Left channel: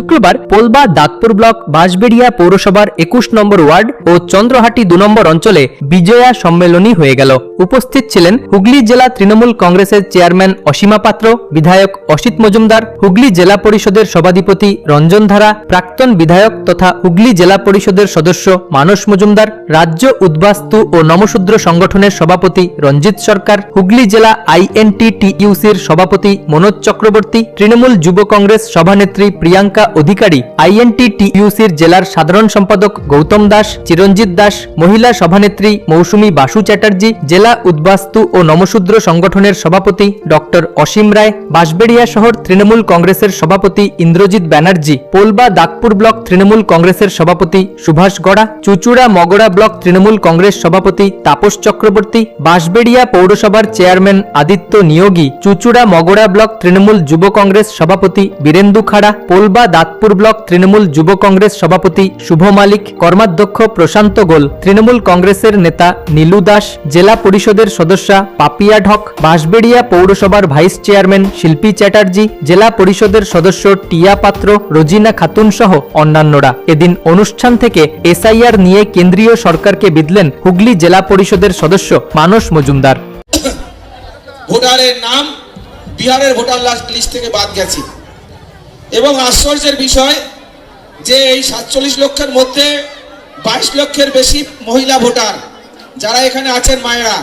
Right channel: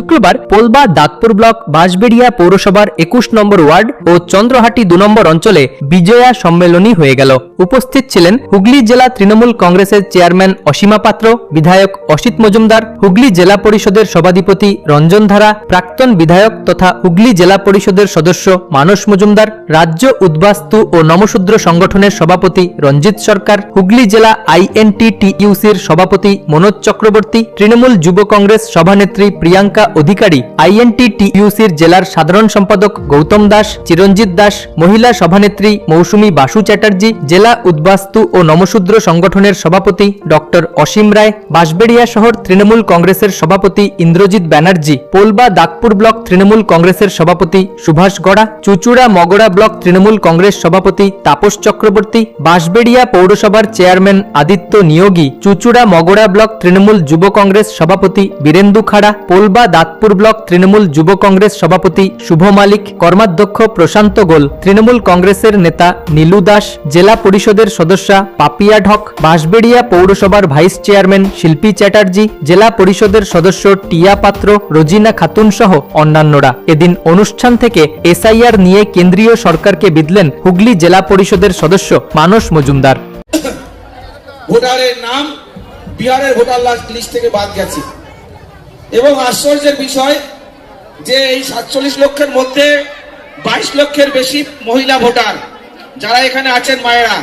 শুক্রবার পোলবা দাঁতপুর ব্লক বাঁশবেড়িয়া পৌরসভার 21 নম্বর ওয়ার্ড ও চন্দ্রহাটি 2 নম্বর অঞ্চলে বিজয়া সম্মেলনী হয়ে গেল। উপস্থিত ছিলেন হুগলি জেলা তৃণমূল কংগ্রেসের চেয়ারম্যান অসীমা পাত্র, বিধায়ক অসিত মজুমদার, হুগলি জেলা পরিষদের সভাধিপতি রঞ্জন ধারা, প্রাক্তন বিধায়ক তথা হুগলি জেলা পরিষদের সদস্য মানস মজুমদার, রাজ্য উদ্বাস্তু ও নমশূদ্র সংগঠনের সভাপতি রঞ্জিত সরকার, হুগলি জেলা INTTUCর সভাপতি মনোজ চক্রবর্তী, তৃণমূল যুব কংগ্রেস সভানেত্রী প্রিয়াঙ্কা অধিকারী, INTTUCর জেলার সাধারণ সম্পাদক গৌতম দাস, চিরঞ্জিত দাস, মহিলা সভানেত্রী মৌসুমী বাসু চ্যাটার্জি, জেলা উদ্বাস্তু ও নমশূদ্র সংগঠনের সভাপতি ডক্টর অসীম রায়, বাঁশবেড়িয়া শহর তৃণমূল কংগ্রেসের সভাপতি ইন্দ্রজিৎ ব্যানার্জি, পোলবা দাঁতপুর ব্লক তৃণমূল কংগ্রেসের সভাপতি সুভাষ গড়া, চুচুড়া মগড়া ব্লক তৃণমূল কংগ্রেস সভাপতি তাপস চক্রবর্তী, বাঁশবেড়িয়া পৌরসভার চেয়ারম্যান আদিত্য নিয়োগী, চুচুড়া মগড়া ব্লক তৃণমূল যুব কংগ্রেস সভাপতি বীরেন্দু খাড়া, পোলবা দাঁতপুর ব্লক তৃণমূল যুব কংগ্রেস সভাপতি শুভ মালিক, কর্মাধ্যক্ষ প্রশান্ত গোল, তৃণমূল কংগ্রেসের নেতা নীলু দাস, জেলা পরিষদের সদস্যা পাপিয়া ঢক, বাঁশবেড়িয়া পৌরসভার ভাইস চেয়ারম্যান শিল্পী চ্যাটার্জি, জেলা পরিষদের সদস্য টিয়া পাত্র, রোজিনা খাতুন সহ অন্যান্যরা। এদিন অনুষ্ঠান থেকে SIR নিয়ে কেন্দ্রীয় সরকারকে বিঁধলেন হুগলি জেলা পরিষদের সদস্য মানস মজুমদার। ভোটারের নাম বিহারের ভোটার লিস্ট থেকে বাদ গেছে এবং আশ্চর্যের বিষয় যে এই 47 লক্ষের মধ্যে 22 লক্ষের বেশি মহিলা ভোটার যারা এখানে আছেন মায়েরা,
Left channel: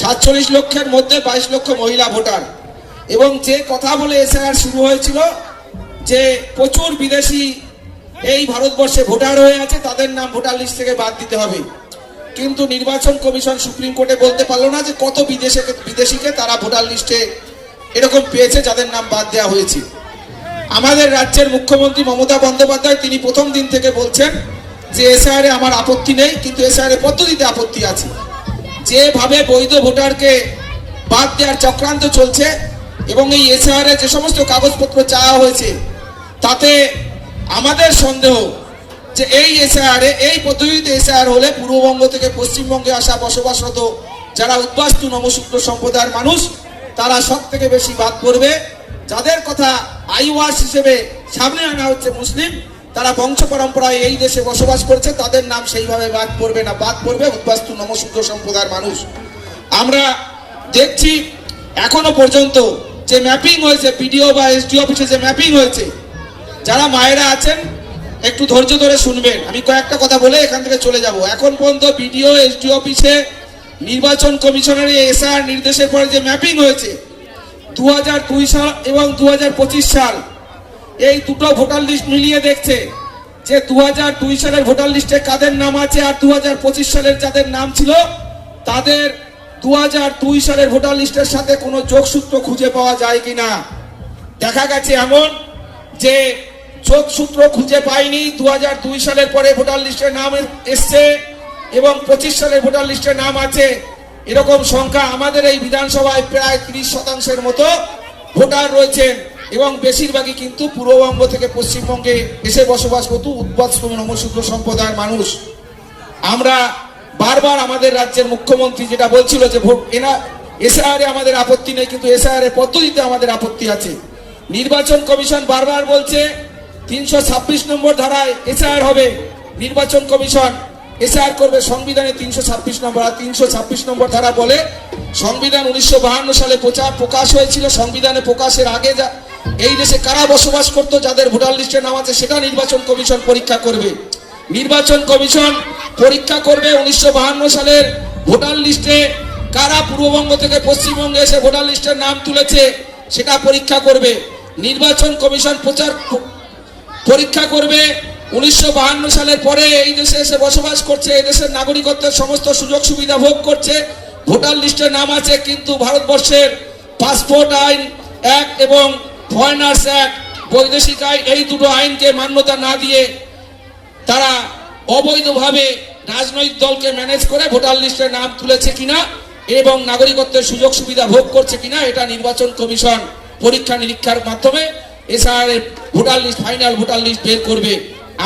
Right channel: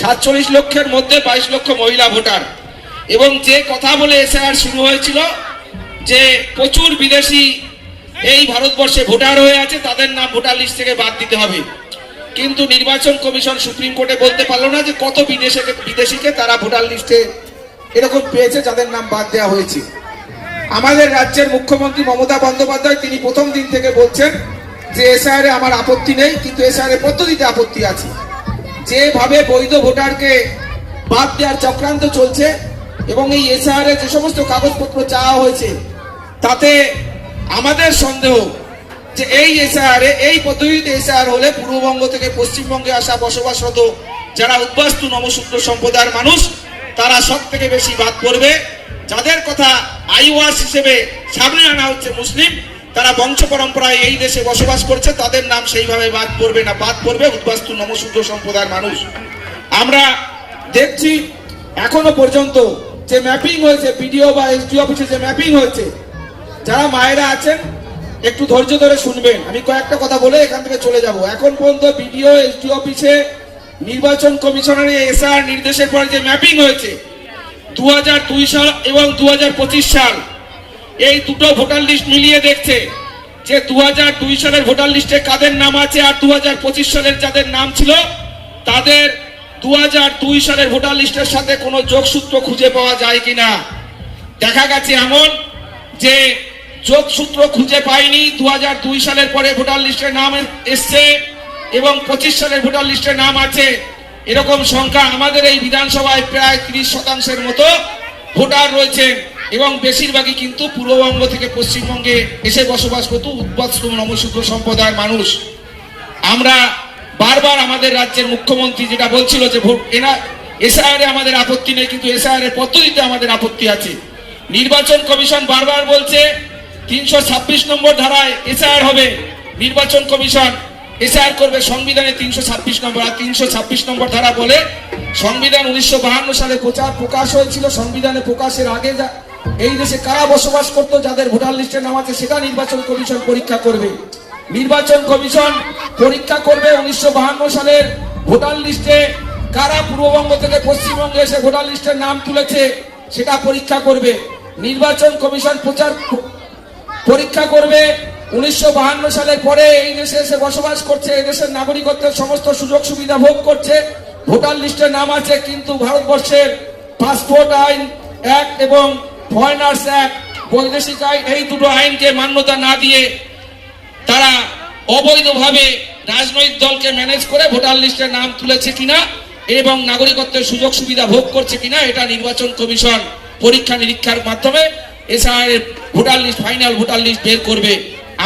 47 লক্ষের মধ্যে 22 লক্ষ মহিলা ভোটার। এবং যে কথা বলে SIR শুরু হয়েছিল যে প্রচুর বিদেশি এই ভারতবর্ষে ভোটার হয়ে আছে, তাদের নাম ভোটার লিস্ট থেকে বাদ দিতে হবে, কিন্তু নির্বাচন কমিশন সুপ্রিম কোর্টে বলতে পারলো না যে কত বিদেশিকে তারা ভোটার লিস্টে এরকম পেয়েছে যাদের নাম বাদ দেওয়া হয়েছে। আমাদের রাজ্যের মুখ্যমন্ত্রী মমতা বন্দ্যোপাধ্যায় তিনি প্রথম দিন থেকে বলছেন যে SIR আমার আপত্তি নেই, কিন্তু SIR পদ্ধতিতে আপত্তি আছে। যেভাবে বৈধ ভোটারকে বাদ দেওয়ার চক্রান্ত চলছে এবং এই SIR যে সমস্ত কাগজপত্র চাওয়া হয়েছে তাতে আমাদের সন্দেহ যে এই SIR এই পদ্ধতিতে SIR হলে পূর্ববঙ্গ থেকে পশ্চিমবঙ্গে আসা বসবাসরত যারা উদ্বাস্তু নমশূদ্র সম্প্রদায়ের মানুষ তারা সব থেকে বেশি বাদ পড়বে। যাদের কথা আইওয়াস হিসেবে সামনে আনা হচ্ছে মুসলিম, তারা বংশ পরম্পরায় এই দেশে বসবাস করছে, তাদের নাম সেইভাবে বাদ পড়বে না, বাদ পড়বে উদ্বাস্তু নমশূদ্র সম্প্রদায়ের মানুষ। আমরা দেখছি এখনো পর্যন্ত যে ম্যাপিং হয়েছে BDO বা SDO অফিসে যে ম্যাপিং হয়েছে, যারা মায়েরা আছেন একটু ধৈর্য ধরে শুনবেন, আমি কয়েকটা কথা বলে এখান থেকে চলে যাব। এখন পর্যন্ত BDO SDO অফিসে নির্বাচন কমিশনের SIR নির্দেশের পর যে ম্যাপিং হয়েছে 2002 সাল এবং 2025 সাল এই দুটো ভোটার লিস্ট মিলিয়ে দেখছে যে 2002 সালের ভোটার লিস্টে কাদের নাম আছে আর 2025 সালের যাদের নাম ছিল তাদের 2002 সালের ভোটার লিস্টের সাথে কোনো যোগসূত্র খুঁজে পাওয়া যায় কিনা। দেখা গেছে এমন যে যোগসূত্র খুঁজে পায়নি, 2002 সালের পরে ভোটার লিস্টের নাম এসছে এবং 25 সালের ভোটার লিস্টের নাম আছে। এরকম সংখ্যা আমাদের এই বিধানসভায় প্রায় 30% মতো ভোটার রয়েছেন এবং বেশিরভাগই কিন্তু পূর্ববঙ্গ থেকে পশ্চিমবঙ্গে এসে বসবাস করত উদ্বাস্তু নমশূদ্র সম্প্রদায়ের মানুষ। আমরা বারবার আমাদের রাজ্যের মুখ্যমন্ত্রী যেটা বলছিল যে SIR আমাদের আপত্তি নেই, কিন্তু SIR পদ্ধতিতে আমাদের আপত্তি আছে। নির্বাচন কমিশন বারবার বলছে 326 নম্বর ধারায় SIR হবে, নির্বাচন কমিশন SIR করবে সংবিধানে 326 নম্বর। আর 326 নম্বর ধারা বলে সংবিধান 1952 সালে প্রকাশ হয়েছিল, সংবিধানে প্রকাশের আগে এই দেশে কারা বসবাস করতো যাদের ভোটার লিস্টে নাম আছে সেটা নির্বাচন কমিশন পরীক্ষা করবে। নির্বাচন কমিশন পরীক্ষা করবে 1952 সালের ভোটার লিস্টে কারা পূর্ববঙ্গ থেকে পশ্চিমবঙ্গে এসে ভোটার লিস্টের নাম তুলেছে সেটা পরীক্ষা করবে। নির্বাচন কমিশন পরীক্ষা করবে 1952 সালের পরে এই দেশে এসে বসবাস করছে, এই দেশের নাগরিকত্বের সমস্ত সুযোগ সুবিধা ভোগ করছে, ভোটার লিস্টে নাম আছে, কিন্তু ভারতবর্ষের পাসপোর্ট আইন অ্যাক্ট এবং ফরেনার্স অ্যাক্ট বৈদেশিক আইন এই দুটো আইনকে মান্যতা না দিয়ে তারা অবৈধভাবে রাজনৈতিক দলকে ম্যানেজ করে ভোটার লিস্টে নাম তুলেছে কিনা এবং নাগরিকত্বের সুযোগ সুবিধা ভোগ করছে কিনা এটা নির্বাচন কমিশন পরীক্ষা নিরীক্ষার মাধ্যমে SIR voter list final voter list বের করবে।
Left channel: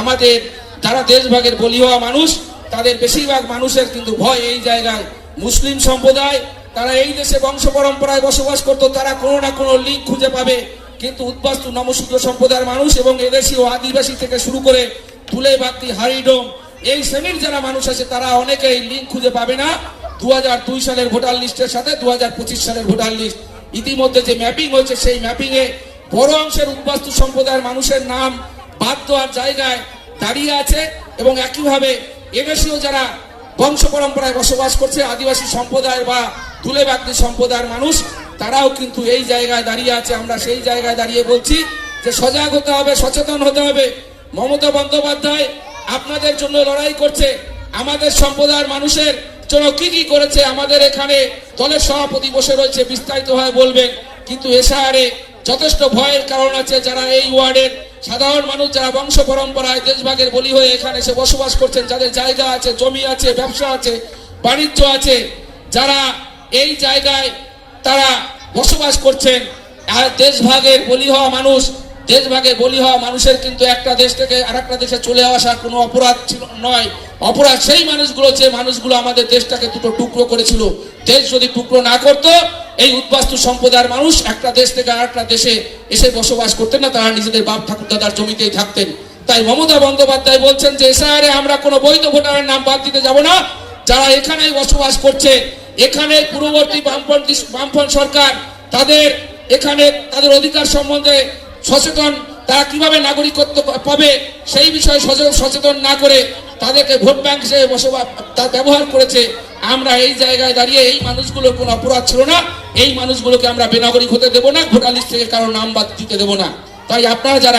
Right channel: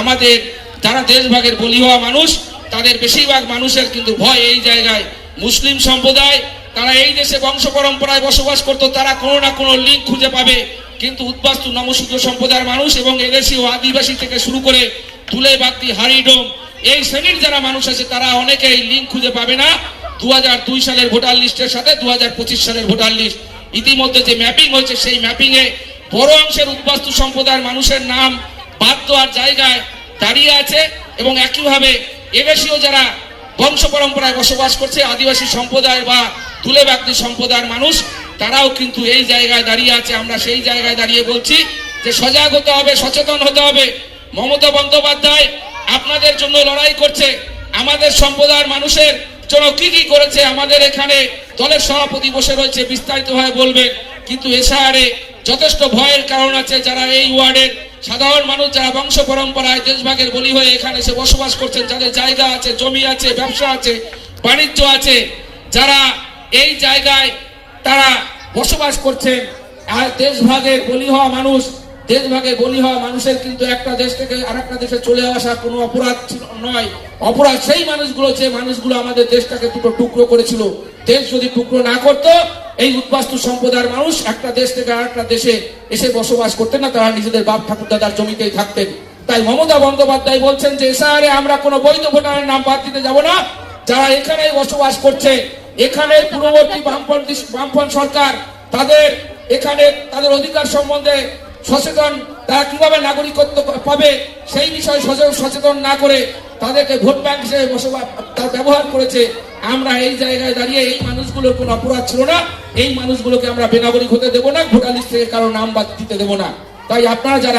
আমাদের যারা দেশভাগের বলি হওয়া মানুষ তাদের বেশিরভাগ মানুষের কিন্তু ভয় এই জায়গায়, মুসলিম সম্প্রদায় তারা এই দেশে বংশ পরম্পরায় বসবাস করতো, তারা কোনো না কোনো লিঙ্ক খুঁজে পাবে কিন্তু উদ্বাস্তু নমশূদ্র সম্প্রদায়ের মানুষ এবং এদেশি ও আদিবাসী থেকে শুরু করে তুলে বাগদি হারিডোম এই শ্রেণীর যারা মানুষ আছে তারা অনেকেই লিঙ্ক খুঁজে পাবে না 2002 সালের ভোটার লিস্টের সাথে 2025 সালের ভোটার লিস্ট। ইতিমধ্যে যে ম্যাপিং হয়েছে সেই ম্যাপিং এ বড় অংশের উদ্বাস্তু সম্প্রদায়ের মানুষের নাম বাদ দেওয়ার জায়গায় দাঁড়িয়ে আছে এবং একইভাবে এদেশীয় যারা বংশ পরম্পরায় বসবাস করছে আদিবাসী সম্প্রদায় বা তুলে বাগদি সম্প্রদায়ের মানুষ তারাও কিন্তু এই জায়গায় দাঁড়িয়ে আছে। আমরা সেই জায়গায় দাঁড়িয়ে বলছি যে সজাগ হতে হবে, সচেতন হতে হবে। মমতা বন্দ্যোপাধ্যায় আপনাদের জন্য লড়াই করছে, আমাদের সম্প্রদায়ের মানুষের জন্য কি কি করেছে আমাদের এখানে দলের সভাপতি বসে রয়েছে, বিস্তারিতভাবে বলবেন। কিন্তু এশারে যথেষ্ট ভয়ের কারণ আছে। যারা এই ওয়ার্ডের সাধারণ মানুষ যারা বংশ পরম্পরায় দেশভাগের বলি হয়ে এখানে এসে বসবাস করছেন, যাদের জায়গা আছে, জমি আছে, ব্যবসা আছে, বাণিজ্য আছে, যারা এই জায়গায় তারা বসবাস করছেন, আর দেশভাগের বলি হওয়া মানুষ, দেশভাগের বলি হওয়া মানুষের কিন্তু একটা দেশ থেকে আরেকটা দেশে চলে আসা কোনো অপরাধ নয়। অপরাধ সেই মানুষগুলো যে মানুষগুলো আমাদের দেশটাকে দুটো টুকরো করেছিল। দেশ যদি টুকরো না করতো এই উদ্বাস্তু সম্প্রদায়ের মানুষ একটা দেশ থেকে আরেকটা দেশে এসে বসবাস করতেন না, তারা নিজেদের বাপ ঠাকুর দাদার জমিতেই থাকতেন। তাই মমতা বন্দ্যোপাধ্যায় বলছেন যে এসআরে আমরা কোনো বৈধ ভোটারের নাম বাদ দিতে যাব না। যারা এখানেই বসবাস করছে, এখানে পূর্ববর্তী বামপন্থী সরকার তাদের এখানে তাদের অধিকার সম্বন্ধে সচেতন, তারা কিভাবে নাগরিকত্ব পাবে সেই বিষয়ে সচেতন না করে তাদেরকে ভোট ব্যাংক হিসেবে বসবাস ব্যবহার করেছে। আমরা এই জায়গায় দাঁড়িয়ে এই মানুষগুলোর কোনো অপরাধ ছিল না, এই মানুষগুলোকে আমরা বেনাগরিক হতে দেবো না, ভোটার লিস্ট থেকে কারো নাম বাদ দিতে দেবো না। তাই আপনারা যারা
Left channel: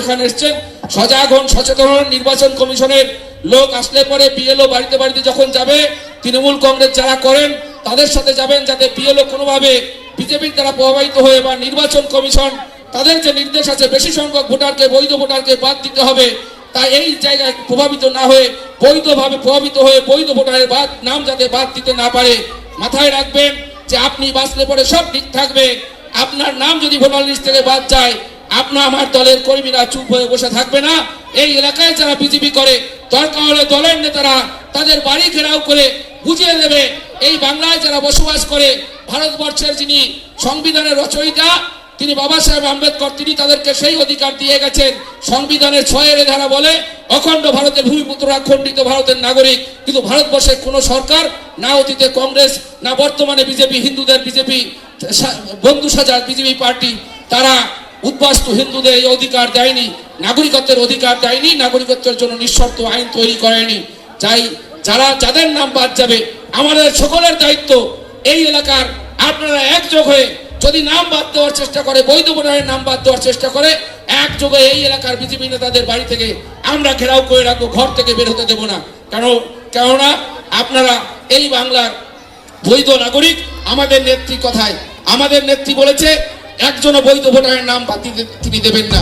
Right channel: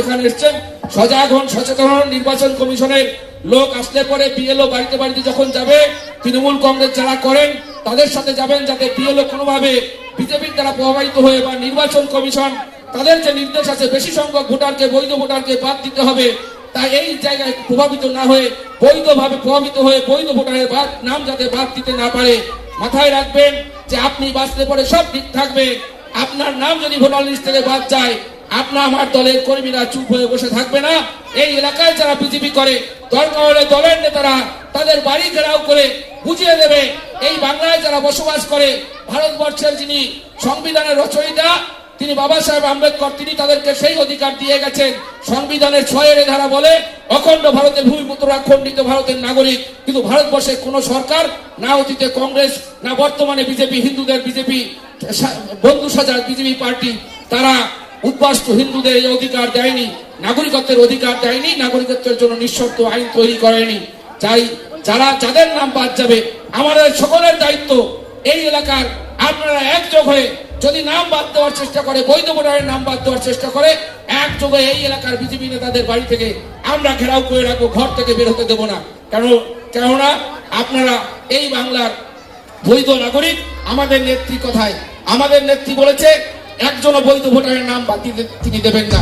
এখানে এসছেন সজাগ হন, সচেতন হন। নির্বাচন কমিশনের লোক আসলে পরে বিএলও বাড়িতে বাড়িতে যখন যাবে, তৃণমূল কংগ্রেস যারা করেন তাদের সাথে যাবেন, যাতে বিএলও কোনোভাবে বিজেপির দ্বারা প্রভাবিত হয়ে বা নির্বাচন কমিশন তাদের যে নির্দেশ আছে বেশি সংখ্যক ভোটারকে বৈধ ভোটারকে বাদ দিতে হবে, তাই এই জায়গায় প্রভাবিত না হয়ে বৈধভাবে প্রভাবিত হয়ে বৈধ ভোটারের নাম যাতে বাদ দিতে না পারে। মাথায় রাখবেন যে আপনি বাঁচলে পরে সব ঠিক থাকবে। আপনার নাম যদি ভোটার লিস্ট থেকে বাদ যায়, আপনার আমার দলের কর্মীরা চুপ হয়ে বসে থাকবে না। এই এলাকায় যারা বিজেপি করে দরকার হলে দলের নেতারা তাদের বাড়ি ঘেরাও করে বুঝিয়ে দেবে এই বাংলায় যারা বসবাস করে ভারতবর্ষের যিনি সংবিধানের রচয়িতা তিনি বাবা সাহেব আম্বেদকর, তিনি তাদেরকে সেই অধিকার দিয়ে গেছেন। সংবিধানের 6 ধারা বলে অখণ্ড ভারতের ভূমিপুত্ররা খণ্ডিত ভারতের নাগরিক। কিন্তু ভারতবর্ষের কোন সরকার, না অতীতে কংগ্রেস না বর্তমানে বিজেপি, হিন্দুদের বিজেপি বন্ধু সাজার বিজেপি পার্টি, তারা উদ্বাস্তু হিন্দুদের এই অধিকার দেয়নি, নাগরিকত্বের অধিকার দেয়নি, নাগরিকত্বের জন্য নিঃশর্ত আইন তৈরি করেনি। চাই যারা যাদের নাম বাদ যাবে, আমাদের সকলের দায়িত্ব এই এলাকার আপনারা একযোগ হয়ে যদি নাম বাদ দেওয়ার চেষ্টা করে, বৈধ ভোটারের নাম বাদ দেওয়ার চেষ্টা করে, একযোগে এই এলাকার বিজেপি নেতাদের বাড়ি থেকে আমরা ঘেরাও করে রাখবো, ঘর থেকে বের হতে দেবো না। কেননা আপনারা এই বাংলার বৈধ নাগরিক। আমাদের নেত্রী কথায়, আমাদের নেত্রী বলেছে একজনও বৈধ ভোটারের নাম বাদ দিতে তিনি দেবেন না।